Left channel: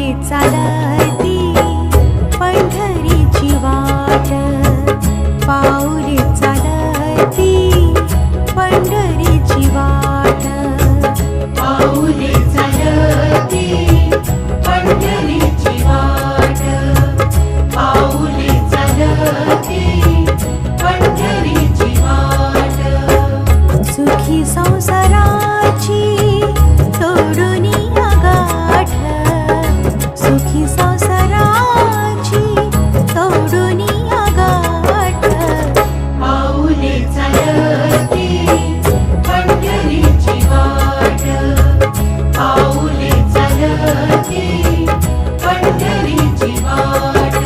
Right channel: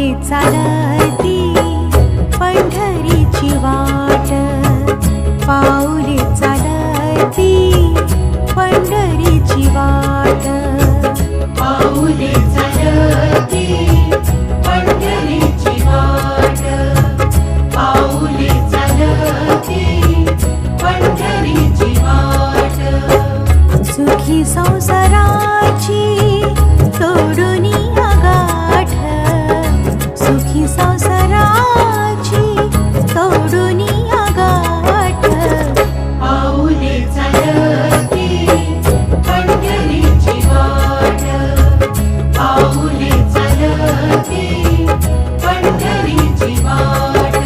पाऊले चालती पंढरीची वाट, पाऊले चालती पंढरीची वाट, पाऊले चालती पंढरीची वाट, पाऊले चालती पंढरीची वाट. सुखी संसाराची तोडूनी गाठ, सुखी संसाराची तोडूनी गाठ, पाऊले चालती पंढरीची वाट, पाऊले चालती पंढरीची वाट.